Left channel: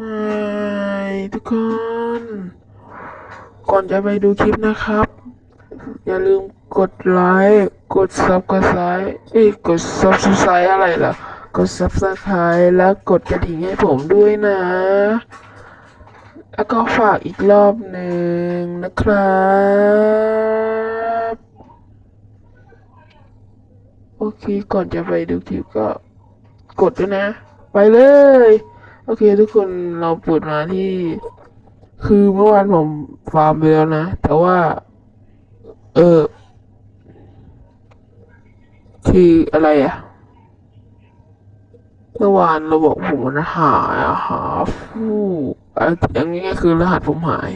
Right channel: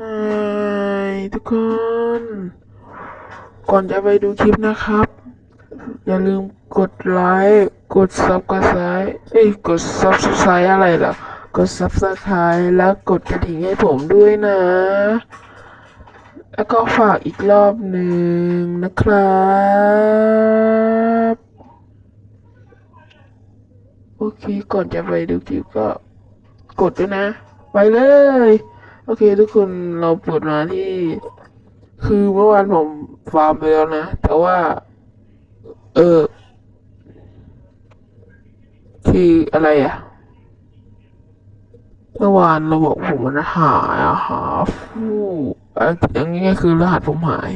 ฮายทุกคน ก่อนจะไปดูคลิปนะครับ อย่าลืมกดไลค์กด subscribe เอ้ยกด subscribe อะไรล่ะกด subscribe แล้วกดกระดิ่งให้ผมด้วยนะ แล้วก็ฝากอีกรอบหนึ่งนะครับ โอเคก่อนจะไปดูคลิปก็กดด้วยนะ ไปเลย โอเค ทุกคนเราเปิดมาที่ คือเมื่อวานผมฟาร์มไปแล้วนะ แต่ว่า เออคืออะไรอะเมื่อวานระบบผมมันหายอะหาฟูอะไรอย่างเงี้ยคือรหัสผมหาย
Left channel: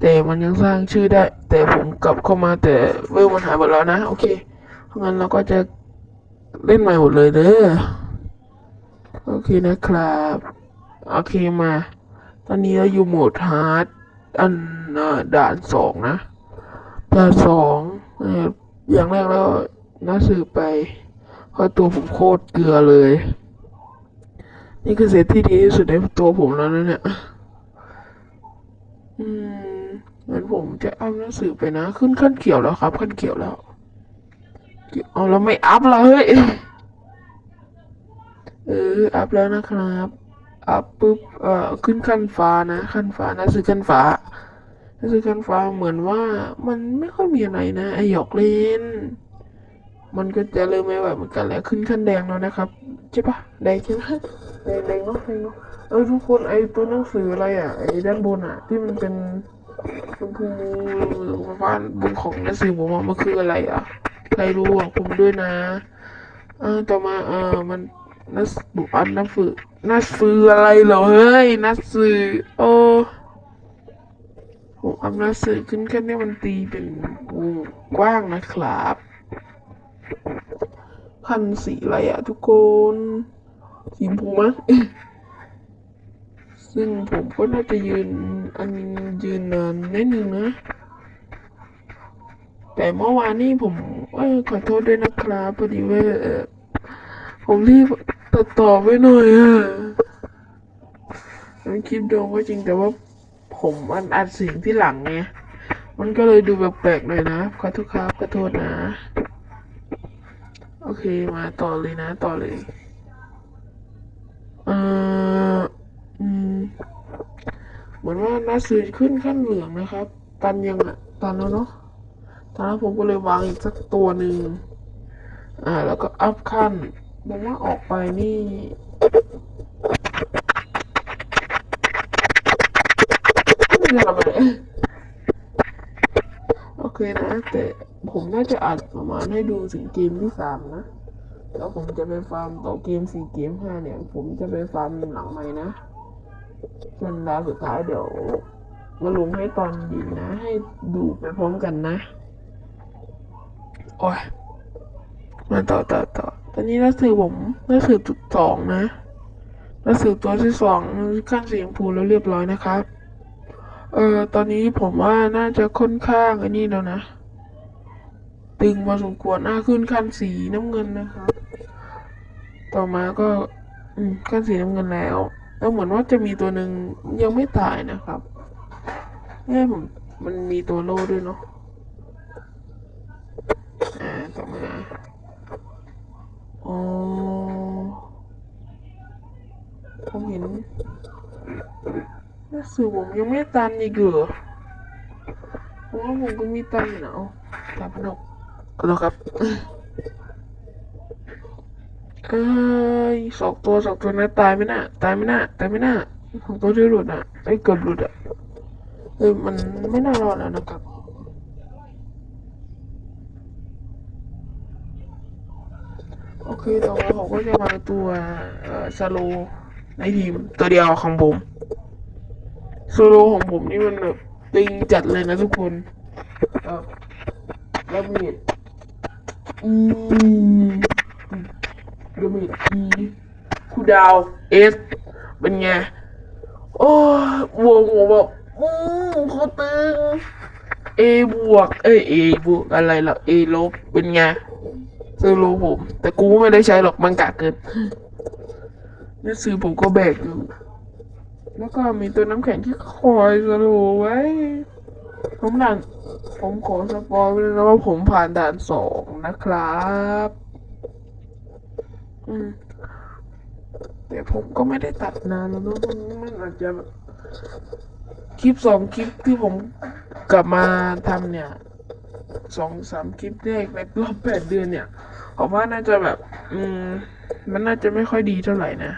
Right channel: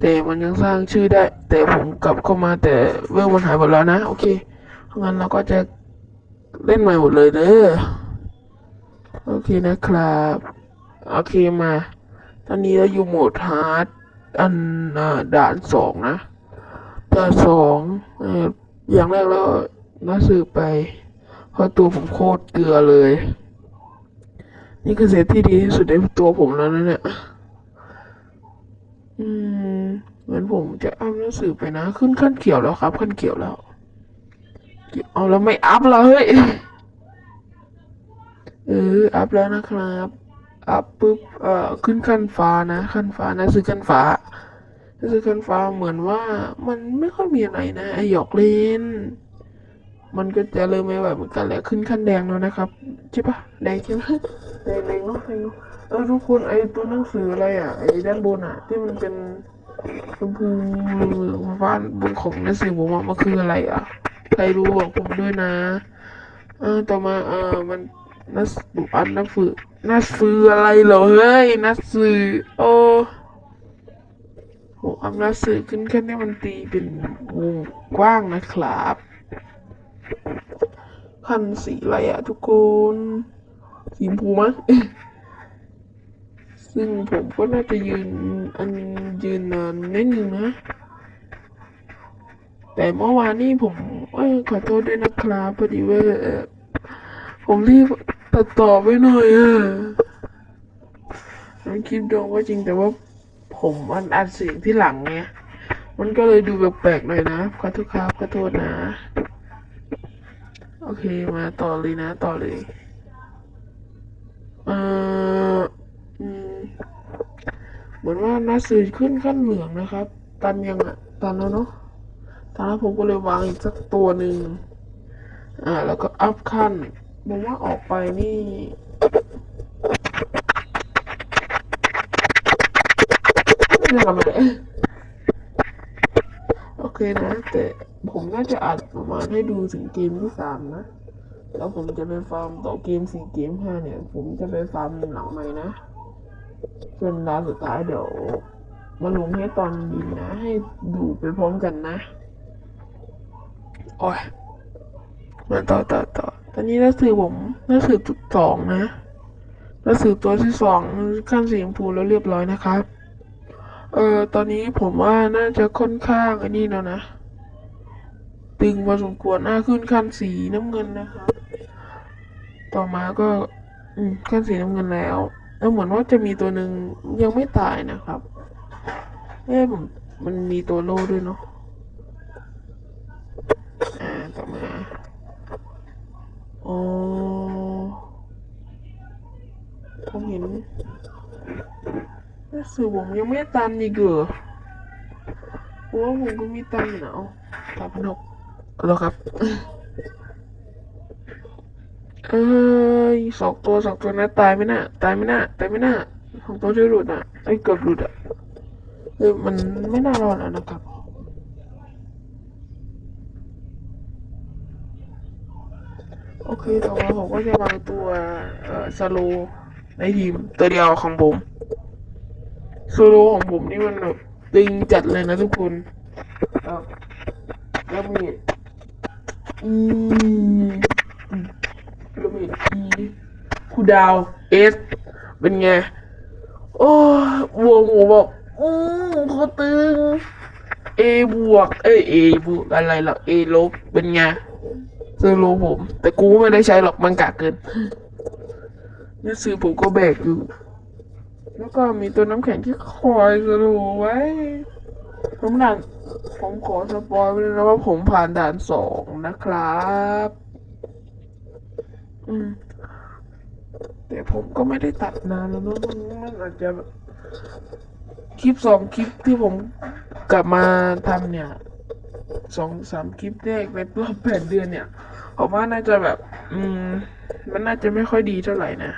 แต่มันยังสร้างชื่อได้ แต่ผมกลับเข้ามาแต่เวลมันหายหมดแล้วนะ โอเคงั้นเราก็จะเล่นใหม่หมดเลยเด้อ โอเคนะครับ โอเคมา ตอนนี้เราอยู่โหมดฮาร์ดอันด่านสองนะด่านสองเอ่ออย่างแรกแล้วน่าสืบไปเพราะตัวผมโคตรเกลือเลย นี่คือเซตที่ดีที่สุดในตัวผมแล้วนะเนี่ยอืมเหมือนผมจะอัพหนังสือไปนะ ขึ้นขั้นเขียวแล้วครับขั้นเขียวแล้วเอาแล้วไม่อัพเลย เอออัพแล้วนะครับอัพปุ๊บเอ่อขึ้นขั้นฟ้านะ ขั้นฟ้านะซื้อขั้นฟ้าซื้อขั้นฟ้าเหมือนว่ามันไม่ค่อยมีอะไรนะไอหยอกเล่นมันก็จะเริ่มไม่ไหวเหมือนกันแล้วขึ้นขั้นแดงแล้วนะครับใช่ปะแดงใช่ไหมแดงแดงเนาะแดงเนาะเออทุกคนไอตัวหนังสืออะไรอะไอด้านบนอะ ที่มันเป็นชมพูฟ้าบนของหนังสือผมว่ามันคืออะไรอะใครรู้บอกผมด้วยนะอ่าต่อมาเออมัน นัสบุอันนัสือนัสืออะไรเหรอเฮ้ยนัสือโอ้ผมเอานัสือขึ้นแค่นี้มันตีเป็นวงกว้างนะครับพันสีอะไรอะทุกคนสีชมพูมั้งซึ่งผมก็น่าจะยืนอันยืนนานนิดนึงนะ แต่เมื่อวานนี่ผมเอ้ยขอโทษด้วยนะครับพอดีว่าผมรีบ ตัดต่อไปหน่อยอะมันคลิปดองว่าจริงแต่ว่าผมอันอัดเสียงที่หลังไงมันก็เลยดูแปลกๆหน่อยนะขอโทษครับขอโทษนะ โอเคมาต่อเลยนะต่อเลยเอออืมเหมือนว่านัดสื่อขึ้นขั้นเหลืองนะครับ ตันยังอะตันแล้วเนาะตันแล้วผมก็เลยวางอีกสักตัวหนึ่งอ่า แล้วก็อัพขั้น ผมว่าออกไปนี่ไม่ได้ทำอะไรโอเคนะ แต่ผมน่าจะอัดประมาณให้ดูถึงเกมที่สามนะแล้วผมจะไปฟาร์มต่อเกมสี่เกมห้าเนี่ย ผมจะไปฟาร์มหลังใหม่นะจนร้านสุดท้ายเดี๋ยวมาลุงให้ตอนเยินนะ ให้ดูไปพร้อมกันนะ โอ้ยมาต่อต่อต่อ อนนี้หนักสือผมหนักสือจุดสองนะหนักสือตัวที่สองขั้นสีชมพูแล้วเรียบร้อยนะครับ เอ่อตอนนี้ผมว่าน่าจะค่อนข้างอ้นี่แล้วนะ ตึงพอสมควรอะขึ้นขั้นสีน้ำเงินนะครับ ต่อมาก็ อืมขั้นสีน้ำเงินแล้วแล้วเหมือนว่าจะมีตัวหนึ่งยังไม่ตายนะครับเนี่ยมมันมีตัวโล่ด้วยเนาะอ่าต่อมา อ๋อ ผมเห็นรู้สึกผมยังไม่ตันอีกเหรอโอ้ผมก็มีตันอยู่นะเอาตันพนกก็แล้วครับเอ้ยสองตัวสองตัวนะตายไหมน่ะตายไหมน่ะตายไหมน่ะสองตัวที่หลุดอะไอ้ยเกือบหลุดอะเออมันไม่น่ารอดแล้วนะครับ โอเค ต่อมาผมก็จะมาตัวเอ่อสโลในทีมตัวเดียวของผมสโลของผมนี่มันแบบตึงจัดเลยนะทุกคนเอ่อแล้วมีอืมแล้วมีอีคูดาวเอสเป็นไง โอ้บวกผมแบบอืมเขาตึงเอบวก เอเอบวกอะไรล่ะเอลบเป็นไง สโลผม แต่กูไม่ได้ใช้หรอกมันกากเกินนังสือผมก็แบกอยู่ แล้วก็มีตัวน้ำแข็งที่คอยสโลว์ไว้ผมด่านผมขอสปอยเลยนะว่าผมผ่านด่านสองนะครับ อืมแต่ผมก็ไม่ได้ตัดนานแล้วเนอะมันอาจจะแบบคลิปสองคลิปที่ผมกลับมาทำเนี่ยสองสามคลิปแรกในรอบแปดเดือนเนี่ย ผมว่าน่าจะแบบ อืม มันน่าจะไม่ค่อยดีเท่าไหร่นะ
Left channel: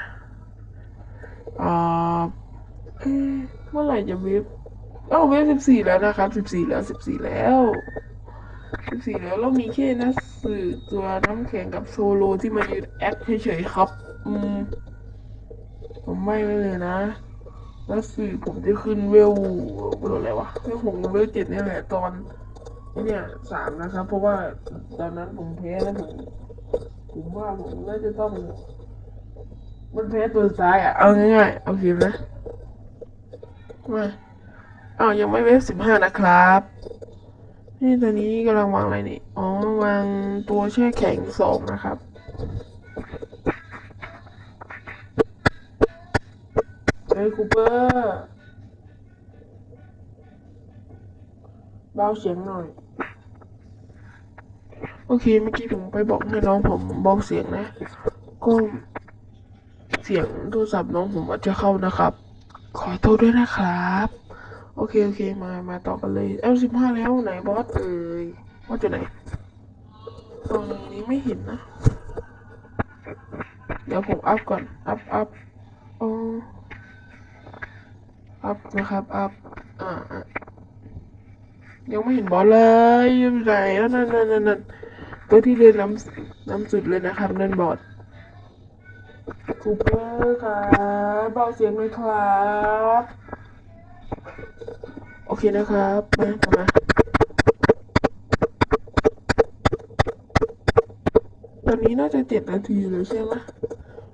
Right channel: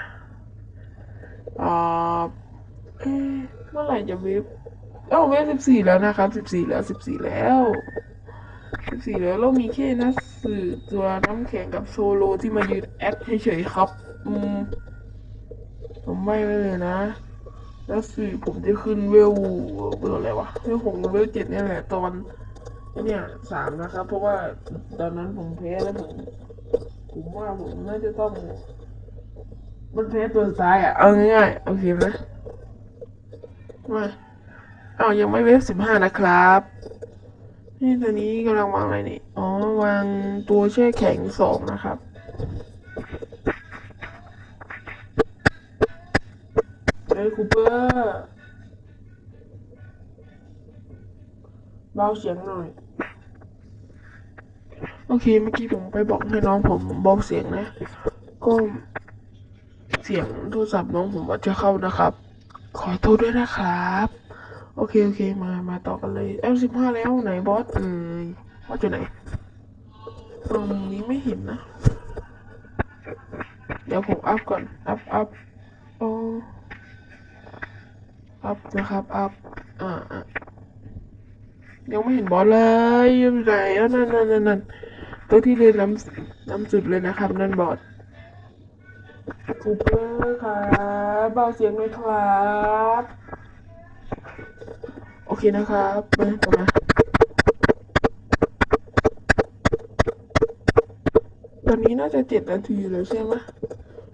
อ่าเมื่อไหร่จะเวฟเอ้าเวฟสิบสี่แล้วนะครับสิบสี่แล้วสิบสี่แล้วสิบสี่แล้วเรามีแค่นักสื่อตัวน้ำแข็งกับโซโลที่มายืนแอคเฉยๆครับ อืม ผมไม่เลยนะแล้วสื่อผมจะขึ้นเวลเบอร์อะไรวะเวลหกหรือเวลเจ็ดนี่แหละตอน เนี่ยสามนะครับ เพราะว่าตอนนั้นผมเพลแล้วผมผมว่าผมน่าจะต้อง มันเพลตัวซ้ายอะ เอาง่ายๆโอเคไหมมาอ้าวยังไม่เวฟสิบห้านะครับ นี่ตอนนี้กำลังวางอะไรนี่ อ๋อ วางตัวแช่แข็งสองนะครับเฮ้ยคูเปอร์เบาเสียงหน่อย โอเค เมื่อกี้ผมไปบอกให้น้องผมเบาเสียงนะ ก็เสียงโทรศัพท์น้องผมอาจจะเข้านะครับ ขอโทษด้วยนะครับ โอเค โอเค มา มาต่อกันเลยเอลสิบห้าแล้วไหนบอสเอ่ยบอสอยู่ไหนตรงนี้ไม่เห็นนะ เดี๋ยวผมอัพก่อน อัพอัพอ๋ออัพนะครับ อัพ อ่ายังไม่เห็นบอลเลยอยู่ไหนแล้วนั่นนั่นนั่นนั่น ตัวที่เดินน้ำน้ำสุดเลยนะครับนั่นบอลคูเปอร์ครับเบาเสียงเลยครับ โอเคนะครับมาต่อมาตอนนี้น่าจะเจ็ดนาทีแล้วใช่ไหม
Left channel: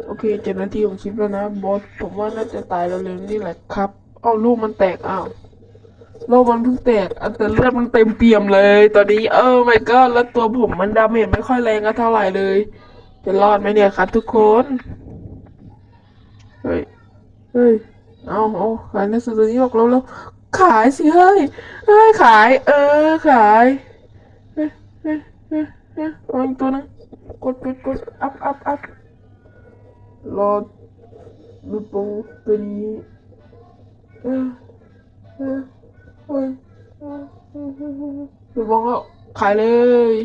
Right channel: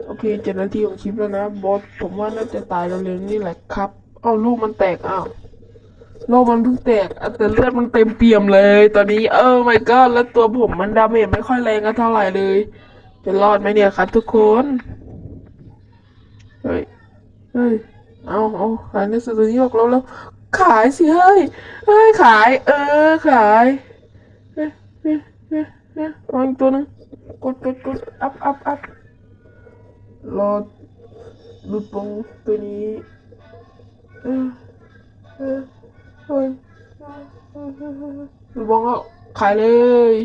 โอเคเจ็ดนาทีของคลิปแล้วนะบอสผมว่าน่าจะตายแล้วเร็วๆนี่แหละครับอ้าวลูกมันแตกอ้าว โลกมันเพิ่งแตกอะแต่เลือดมันเต็มเปี่ยมเลย ตอนนี้เออไม่ก็แล้วตัวผมมันดาเมจไม่ค่อยแรงก็เท่าไหร่เลยจะรอดไหมเนี่ยครับทุกคนเฮ้ยเฮ้ยเอาเอาขายหนังสือตัวนี้ออกแล้วแล้วขายสิเฮ้ยเฮ้ยขาย เออขายเฮ้ยเฮ้ยเฮ้ยเฮ้ยอาอีกตัวหนึงกดกดกดอัพอัพอัพรอดูโปรตัวนี้เออเออ เฮ้ยเออเออเออเออดูโปรเอาขายเลย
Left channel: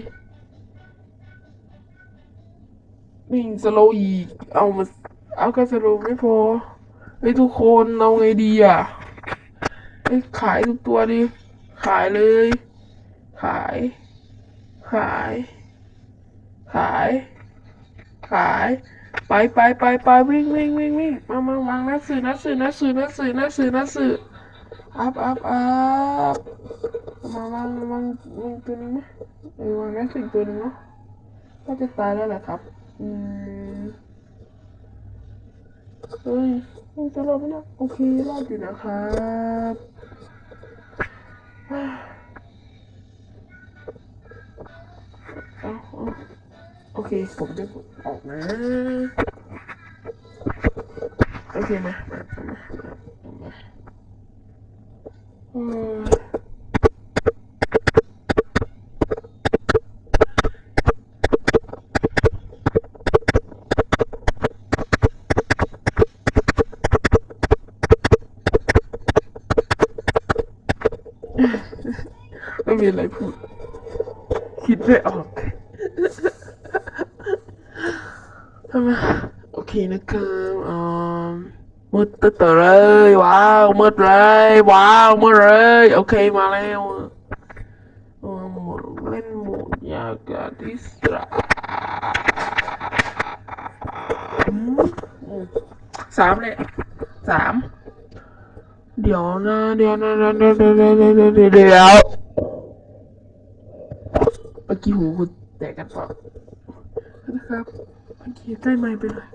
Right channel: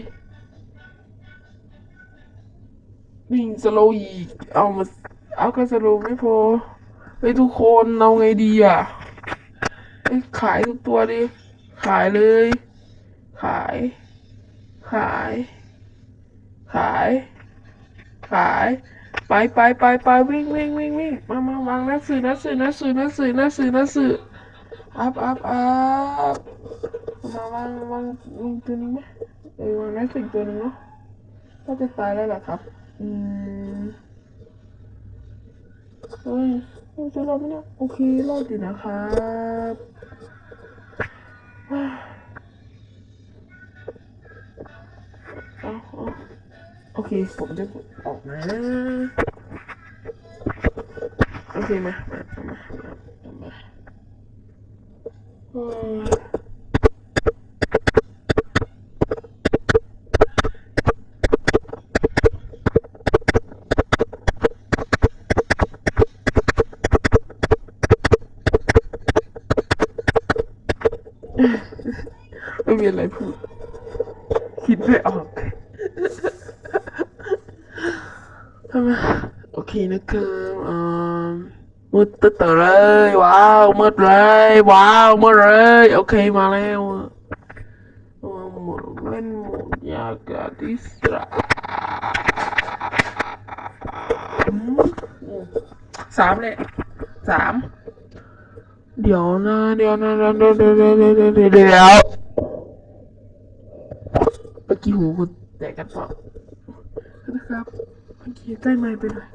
นี่งสโลว์อีก เอามาเอาก็สโลว์ไม่พอเฮ้ทุกคนเอาไงดีอะเฮ้ยขายทุกตัวดิ ขายเลย ขาย ขาย ขาย ขาย ไปไปไปไปวิ่งวิ่งวิ่งวิ่งมามาวางหนังสือหนังสือหนังสือหนังสือหนังสือหนังสือ อัพอัพอัพมาวางวางวางตัวนี้ไหมเออวางนังสืออีกตัวนึงเนาะน่าจะตายแล้วแหละครับ อืมเฮ้ยมันจะรอดไหมเนี่ยโอเครอดอยู่นะครับว้าวเอาเอาโอเค ผมจะออกนะ โอเคมามามา ไม่มีอะไรพูดคิดไม่ออกทำไมโอเคนะครับอ่า มืดตึ๊ดเลยว้าวมืดเลยว้าวมืดเลยโอเคมาแล้วหมดเล่นหมดอยากกาดิสระสามเลยสามเดี๋ยวนะเดี๋ยวนะเดี๋ยวนะเดี๋ยวเดี๋ยวนะเดี๋ยวเดี๋ยวเมื่อกี้หูคุณแตกกันปล่นะครับเมื่อกี้ใต้ไม้ไปหน่อย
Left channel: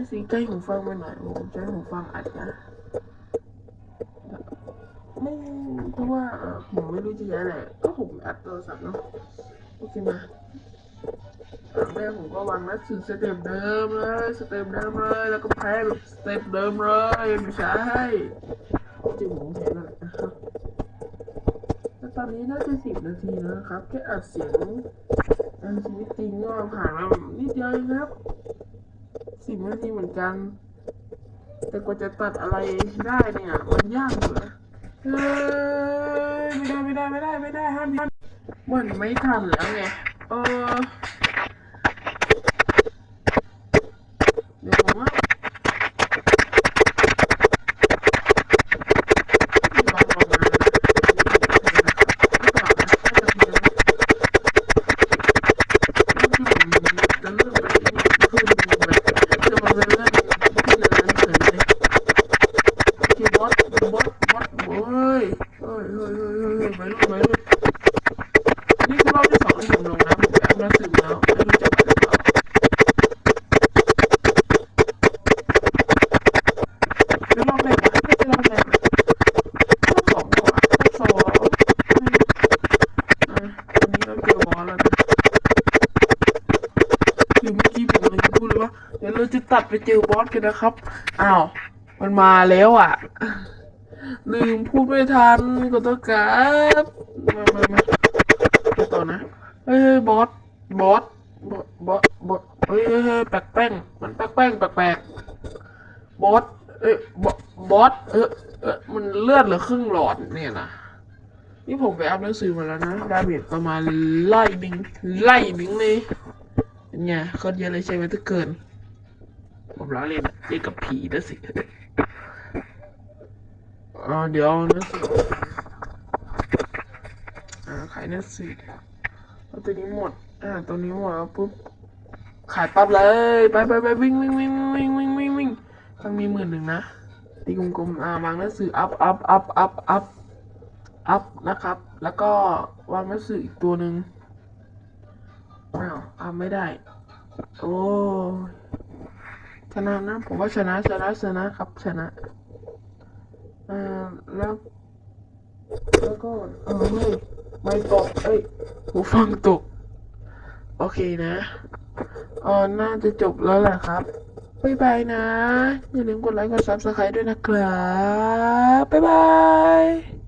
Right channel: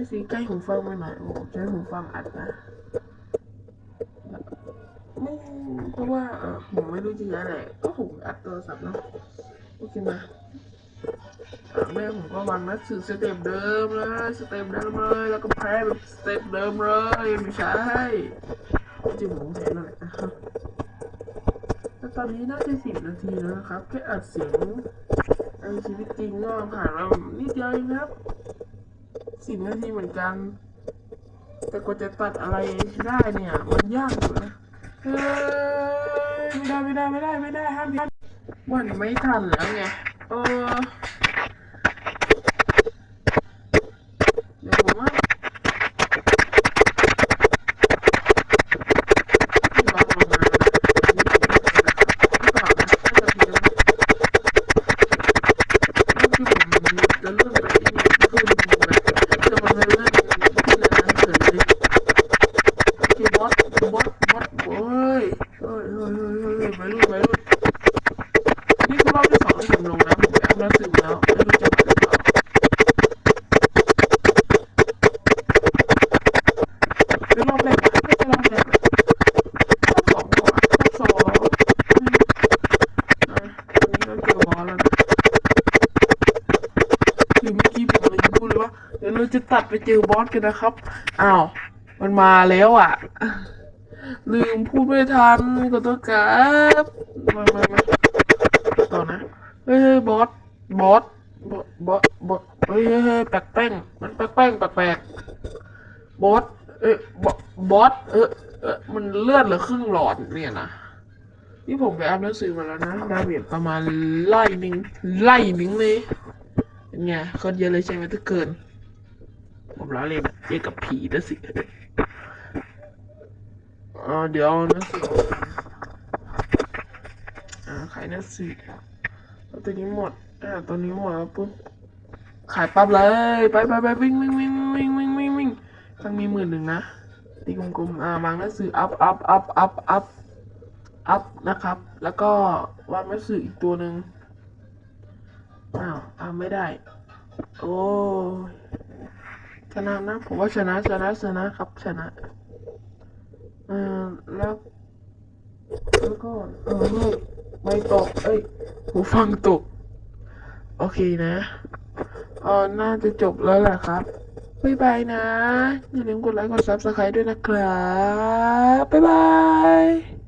ไม่สิใกล้หูฟังไปหน่อยผมใช้หูฟังอัดนะไม่เพราะว่าผมไม่รู้จะย้ายไหนก็ผมอัดโทรศัพท์เนาะโอเคมาอะแม่ผมก็วางนัดสื่อสเต็ปเดิมเลยสเต็ปเดิมเลยแล้วก็แพ้แบบสเต็ปเดิมเลยไม่ใช่จริงผมแทนเลยนะครับแล้วตอนนี้น่าจะสิบนาทีแล้วนะครับแค่อัดเสียงในชีวิตจริงก็ผ่านมานิดเดียวเองครับ สิบนาทีเหมือนกัน แต่กว่าจะตัดอะไรได้เนี่ยมันยากอยู่นะเลยไม่ได้ไม่ได้ไม่ได้ไม่ได้ห้ามห้ามมันไม่ทันแล้วไงเออ จะตัดไปเจอบอสกันนะครับ อ้าว มันมาแล้วอะ ลืมพูดไม่ทันขอโทษครับมามามาต่อนะ เฮ้ยบอส บอส บอส บอสบอสเฮ้ยเฮ้ยแปลกแป้ง มันแปลกแป้งแปลกแปลกบอส เอ้ยบอสบอส เออเออมันเลือดเหลือครึ่งหลอดเนี่ยนะนี่ผมไปอ่านหนังสือมาแล้วนะดาเมจประมาณไล่หนึ่งไล่หนึ่งเลยเป็นไงโคนเยอะเลยใช่ไหมถ้าเกิน ผมล้อเล่นเล่นกับผีนะสิอ่าเดี๋ยวนังสืออ่าขายหนังสือเอาตัวนี้หมดอ่าตัวนี้หมดแล้วปุ๊บขายปั๊บเลยไปไปไปวิ่งวิ่งวิ่งวิ่งวิ่งวิ่งวิ่งต้องมีหมื่นหนึ่งนะตีกลมๆอ่าวางหนังสืออัพอัพอัพอัพอัพอัพนะครับ แล้วก็วางหนังสืออีกตัวหนึ่งอ้าวทำไม่ได้ โอ้ย ชนะนะผมว่าชนะชนะชนะครับชนะอ่าแล้วแล้วก็เออไม่ตกเอ้ยหูฟังตก โอเคนะเออน่าจะจบแล้วแหละครับบ๊ายบายนะ อย่าลืมกดไลค์กดซับสไครต์ด้วยนะครับ บ๊ายบาย